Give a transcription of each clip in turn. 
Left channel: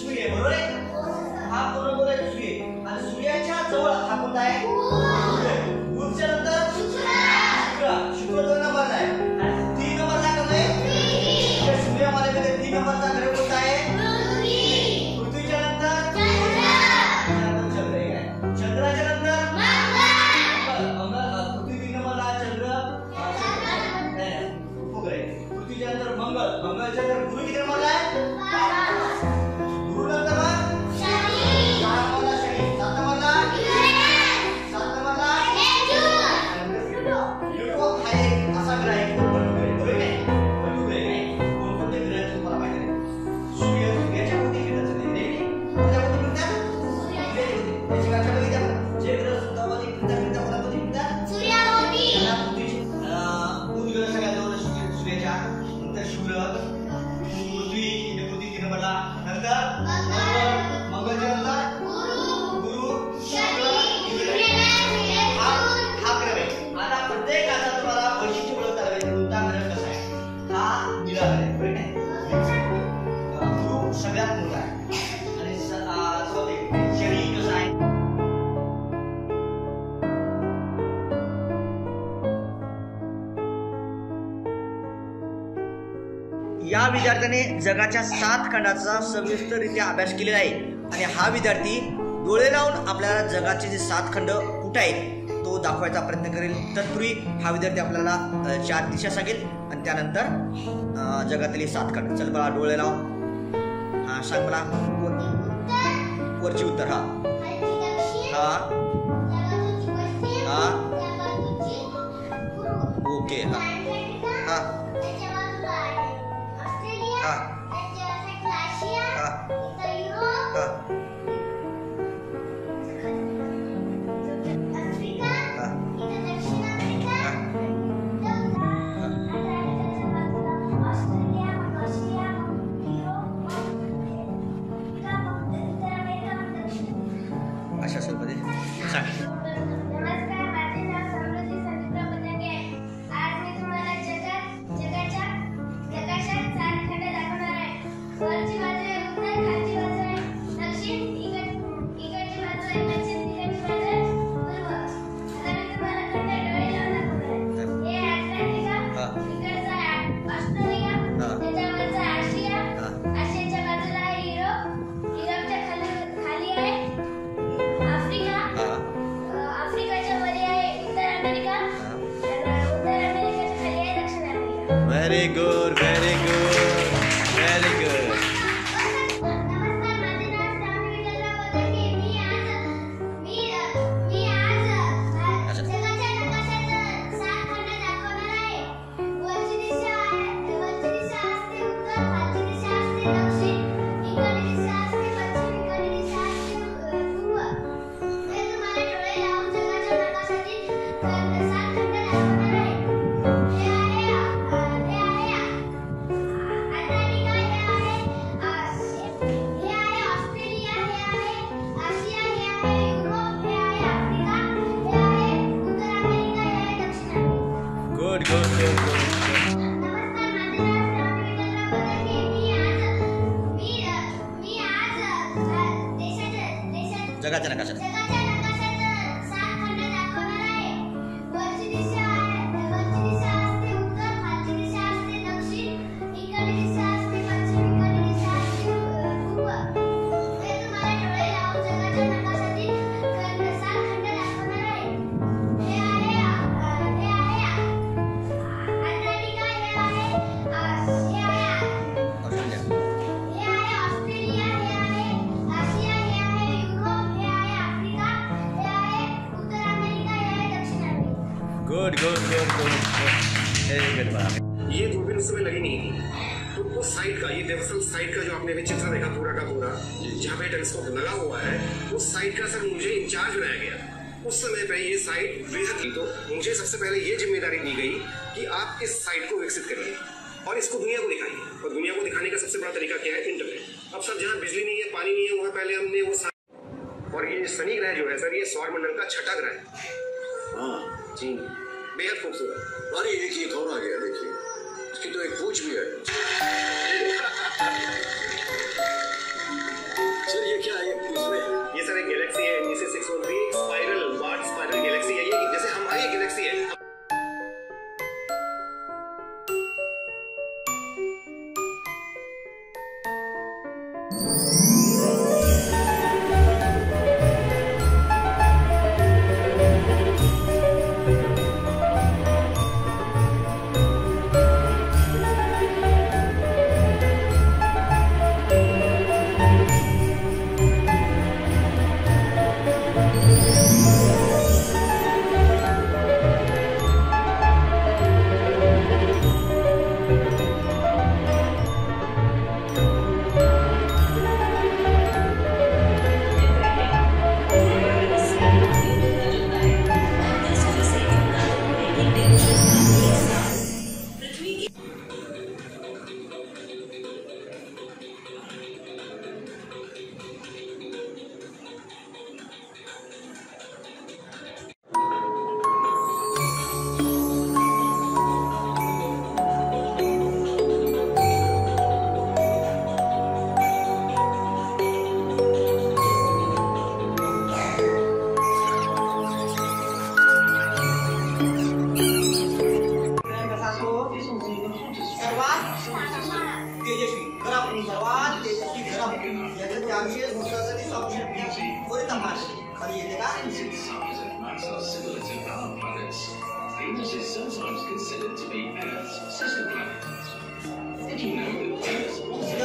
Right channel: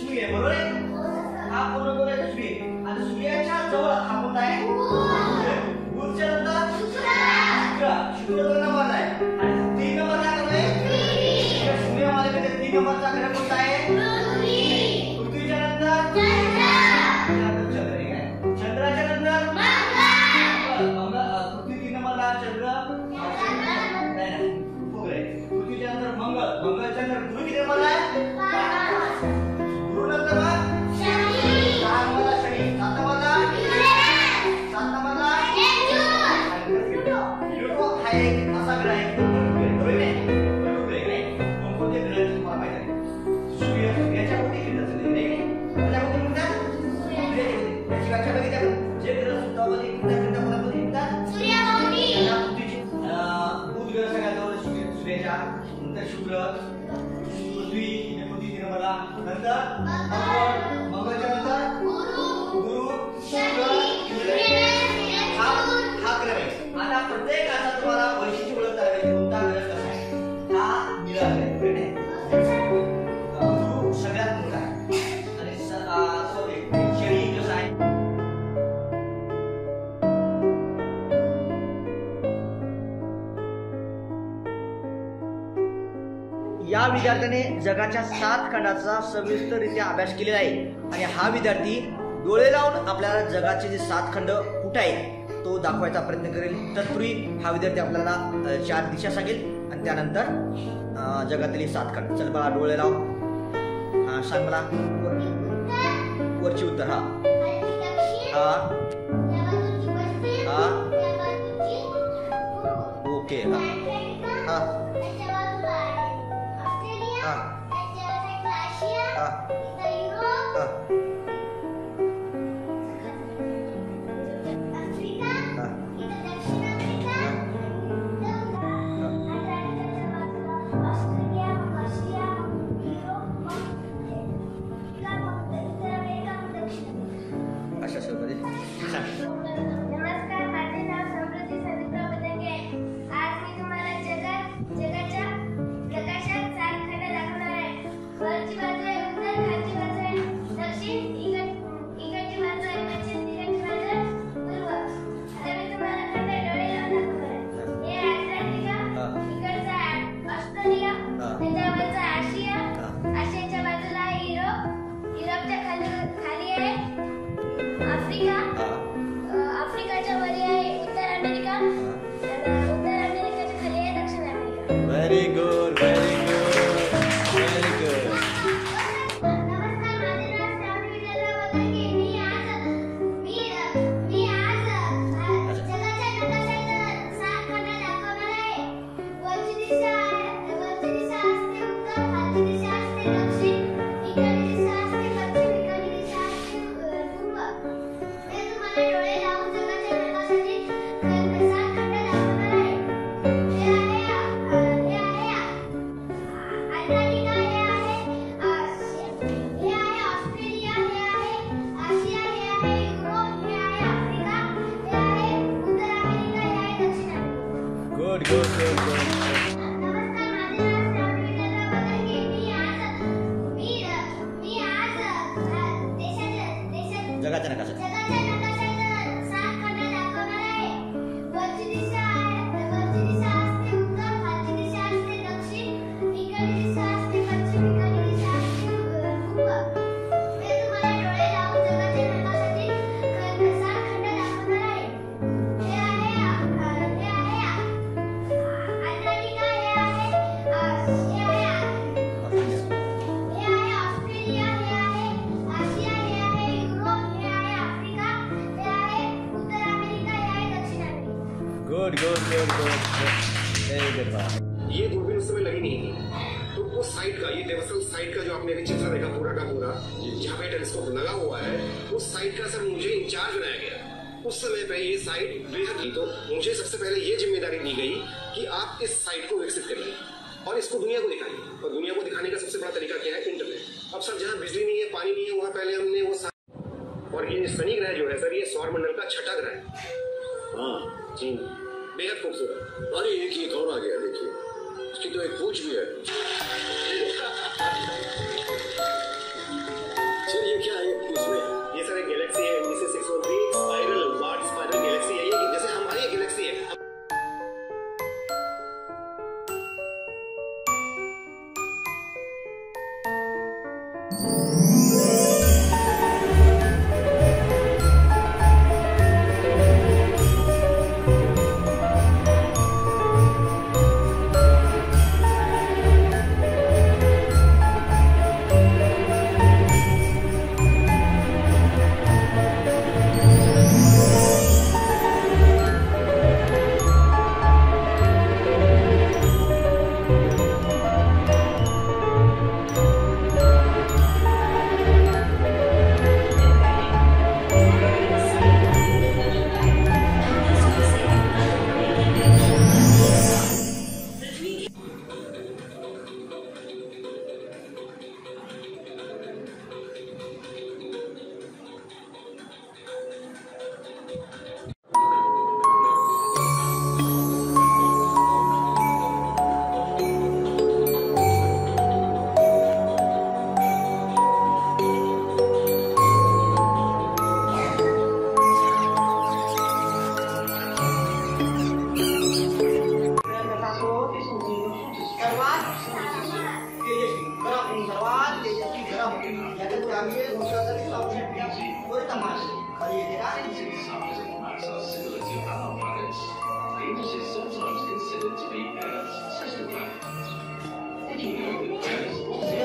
सूर्य आहे, बरोबर आहे? हा पूर्ण गोल आहे सूर्य, आणि सूर्याच्या जवळ हा कोणता आहे? बुधच्या नंतर शुक्र. शुक्र 2 नंबरला आहे, आणि 3 नंबरला कोण आहे? सूर्यामध्ये 3 नंबरचा ग्रह कोणता आहे? पृथ्वीच्या नंतर चंद्र आहे. चंद्राच्या नंतर मंगळ. पृथ्वी 3 नंबरला, चंद्र उपग्रह. पृथ्वीच्या नंतर मंगळ. मंगळच्या नंतर गुरु किती नंबरला आहे? गुरु नंतर शनी. 6 नंबरला शनी. 7 नंबरला प्लुटो. हा एक असा ग्रह आहे की तो बटू ग्रह, बरोबर आहे? बटू ग्रह आहे. कोणकोणते ग्रह तुम्हाला माहिती आहे? सूर्याच्या कोणते फिरतात सध्या नाही? माझ्या कोणते फिरतात? सूर्याच्या. त्याची व्याख्या बघितली आपण. जे ग्रह सुद्धामध्ये फिरतात कोणामध्ये फिरतात? सूर्याभोवती. याला पृथ्वीची बुध ग्रह सगळ्यात जवळ सूर्याच्या, नंतर शुक्र, पृथ्वी 3 नंबरला, नंतर मंगळच्या नंतर गुरु, शुक्र, हा ग्रह आहे. आता प्रत्येकाचा तुम्हाला वैशिष्ट्य ओळखता येईल कोणता ग्रह कसा आहे. हा निळा ग्रह आहे, बरोबर आहे? गुरु सगळ्यात मोठा आहे, आणि शनी कसा आहे? या विद्यार्थ्याने जगाच्या 7 खंडाचा सविस्तररित्या अभ्यास केलेला आहे, आणि हा विद्यार्थी डोळे लावून आपल्याला जगाचे जे 7 खंड कुठे आहेत तो दाखवायचा प्रयत्न करेल. तत्पूर्वी हा विद्यार्थी आपल्याला 4 दिशा सांगेल, आणि त्यानंतर जगातील 7 खंड. चल मला डोळे लाव. हा सांग मला वरची उत्तर. हा हा हा ओके. हा हा हा हा हा अशा स्वरूपात सांग. Very good, very good, very good. Good, good, good, good, good. जगाच्या नकाशात. Good good good good good. ये दूरबीन उस समय लगी नहीं थी, तो उस साइड का, ये दरअसल साइड का जो आपने अभी चित्र देखा पूरा का पूरा, जहाँ पे टेलीस्कोप लगा हुआ है, उस साइड का सर मुझे इंचार्ज बनाया गया। उस समय पे ये साइट बेहद थी, तो मुझे सबसे पहले ये जिम्मेदारी दी गई कि आप इस साइट को विकसित करिए और इसको दुनिया को दिखाइए। और दुनिया को दिखाने का सबसे बड़ा तरीका क्या है? इंटरनेट। अब सर जहाँ बिजली नहीं है, पानी नहीं है, वहाँ पहले हमने वो और ये शनि ग्रह जो है सर, ये सौर मंडल का 6ठा ग्रह है। हाँ जी, बेहद खूबसूरत। अरे एक और आ गया, देखिए इसकी तो एक पूंछ भी है। Venus is sometimes considered to be Earth's sister planet. Did you know that Venus also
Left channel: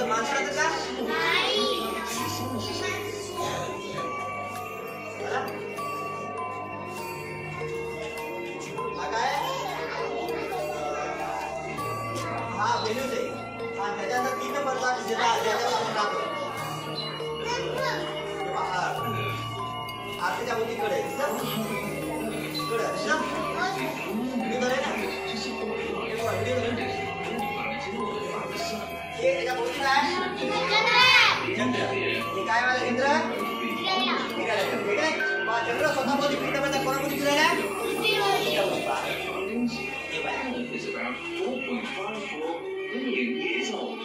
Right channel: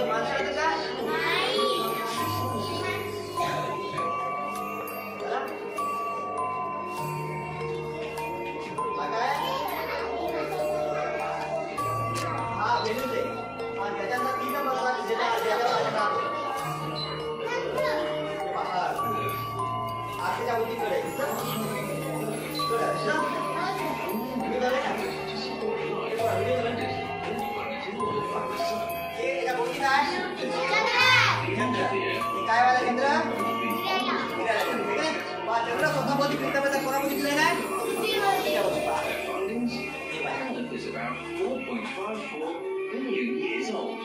is about 4.54 billion years old.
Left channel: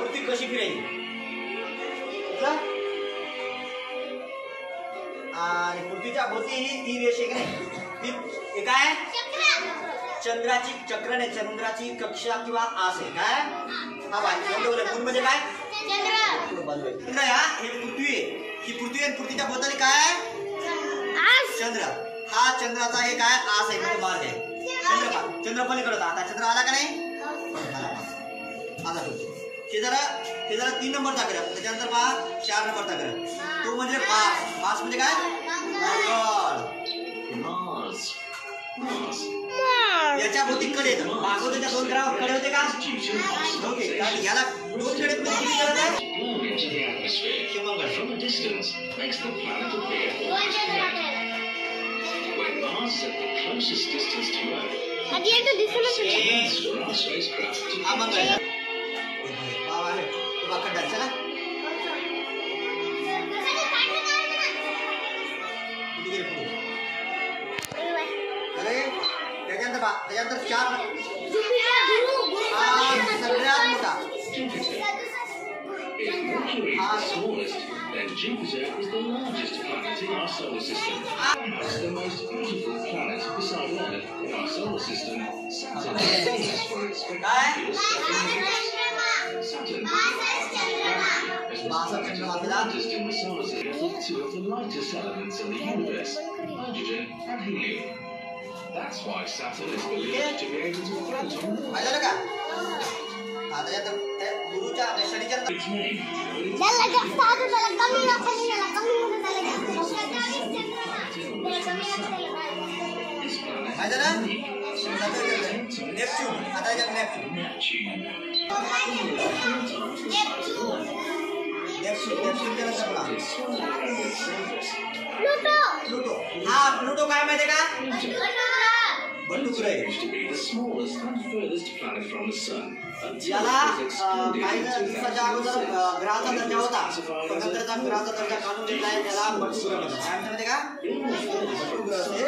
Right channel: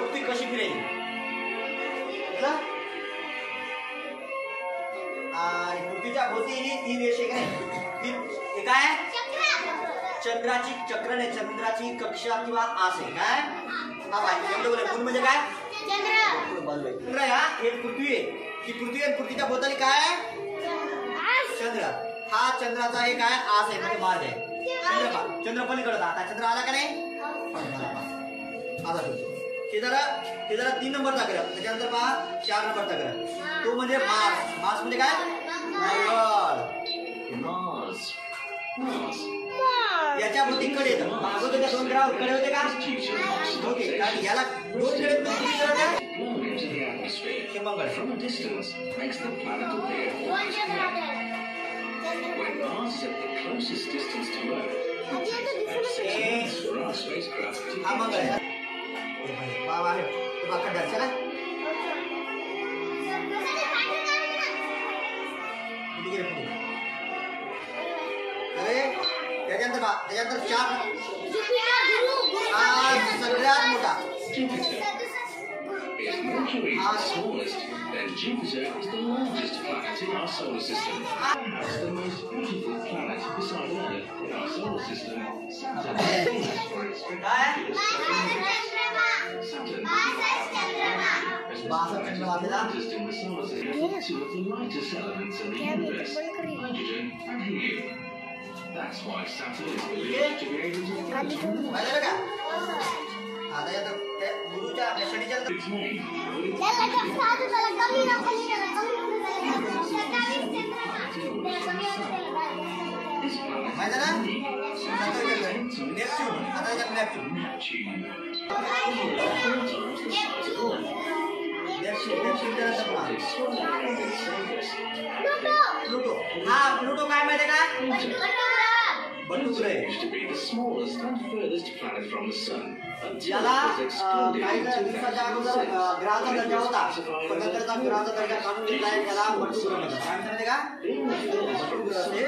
पृथ्वी कशी फिरेल आणि पृथ्वीच्या भोवती ही रेष आहे की नाही ती काय चंद्राची चक्र नाही चंद्राची कक्षा किंवा आस आहे काय हा बाय एवढं बोल मून म्हणजे काय चंद्र हा हे पृथ्वी आहे ही पृथ्वी आहे पृथ्वीच्या भोवताली काय चंद्र हा चंद्राचा हे काय आस आहे म्हणजे मार्ग आहे चंद्र पलीकडे होता आता चंद्र आला का नाही आला हे जरा 3 नंबरचा ग्रह त्याच्यानंतर पहा 4 नंबरचा ग्रह तो म्हणजे मार्स म्हणजे काय याच्या भोवती कडे येतं भागवताच्या 2 ग्रहावर कडे होते का ओके कारण याला 2 कडे किती ग्रह आहे हे मंगळ When Mars is at the closest distance to Earth, हा मंगळ चला अरे त्याच्यानंतर 4 सगळ्यात मोठा if Mercury is the smallest, then Jupiter is the largest planet in our solar system. The most beautiful planet beside Earth in our solar system, Saturn is famous for its spectacular 7 moons. Saturn, is the largest in the solar system with 2 of the lightest elements in the universe, hydrogen and helium. That's why Saturn is believed to be able to float on water. Its name This planet is unique. Neptune. 4 times the size of Earth. Pluto. Pluto काय माहिती का? Pluto used to be the smallest and furthest planet from the sun. याला काही दिवसाच्या अगोदर ग्रहाचा दर्जा होता पण नंतरचा ग्रहाचा दर्जा काढून घेतलाय त्याला बटू ग्रह म्हणतात काय म्हणतात का बटू ग्रह ते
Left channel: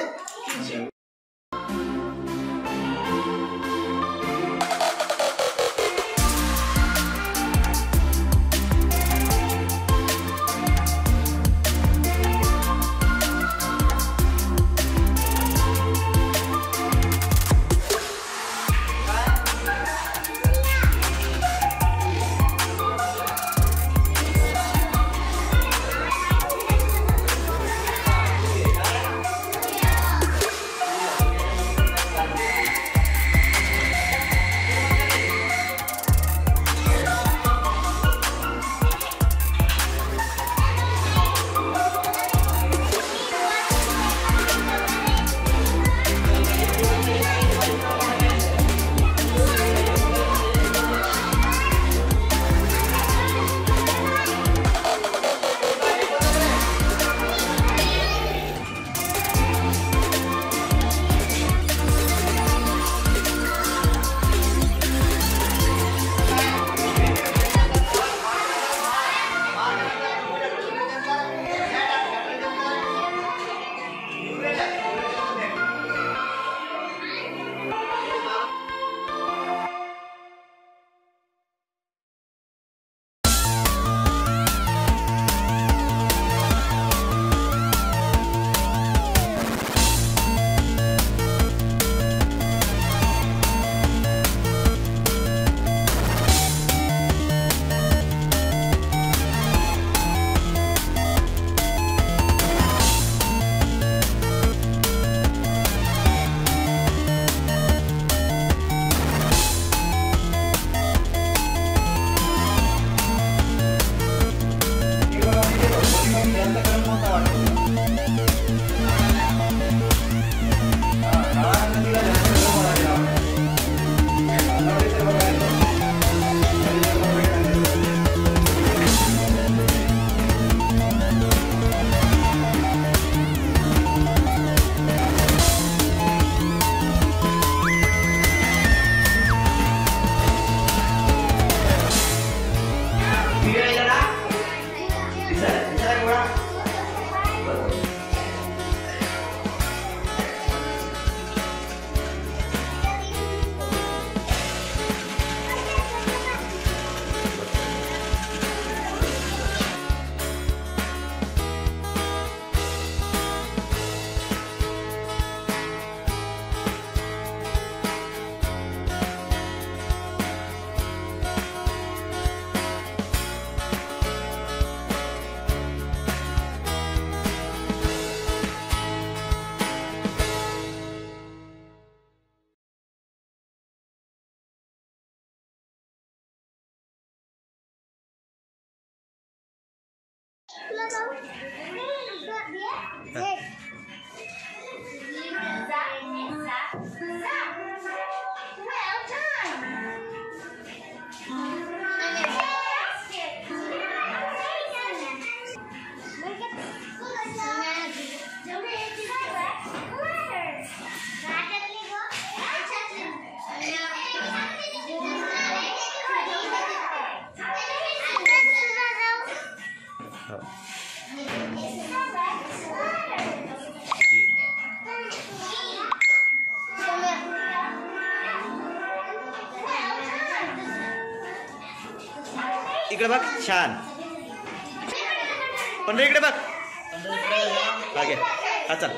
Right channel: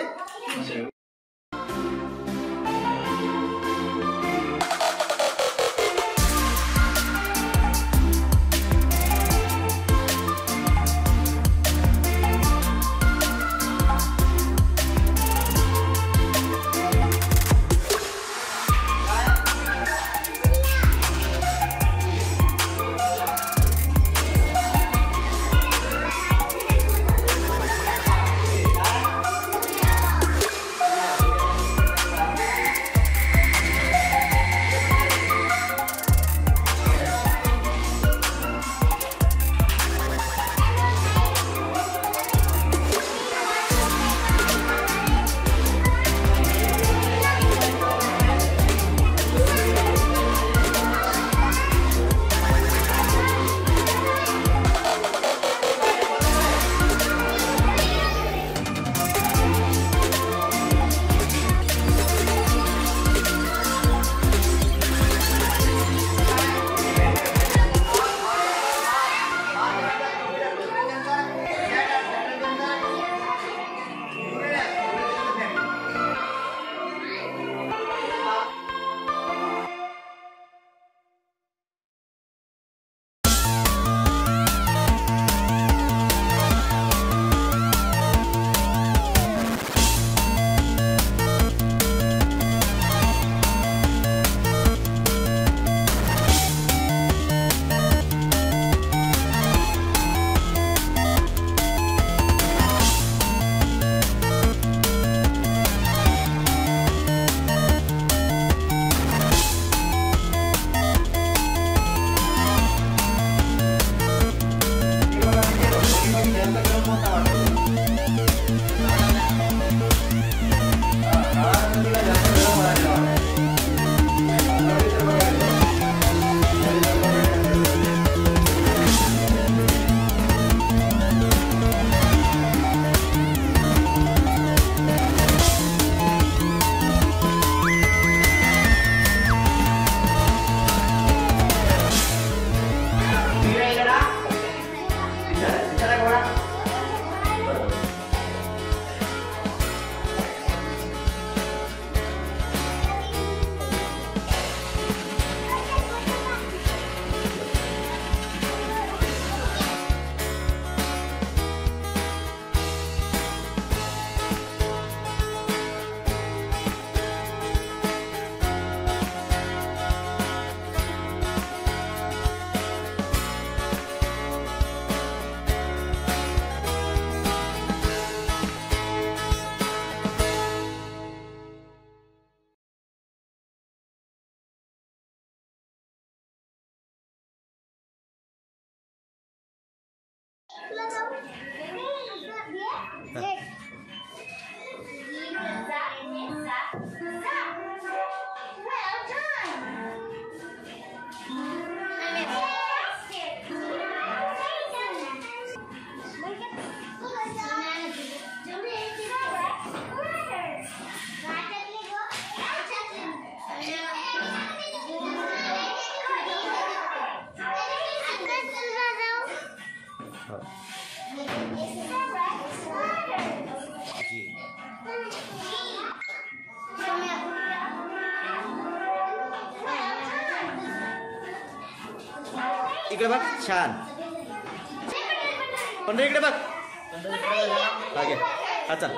इकडे बघ, छान. पण इकडे बघ. हा घे, हा चल.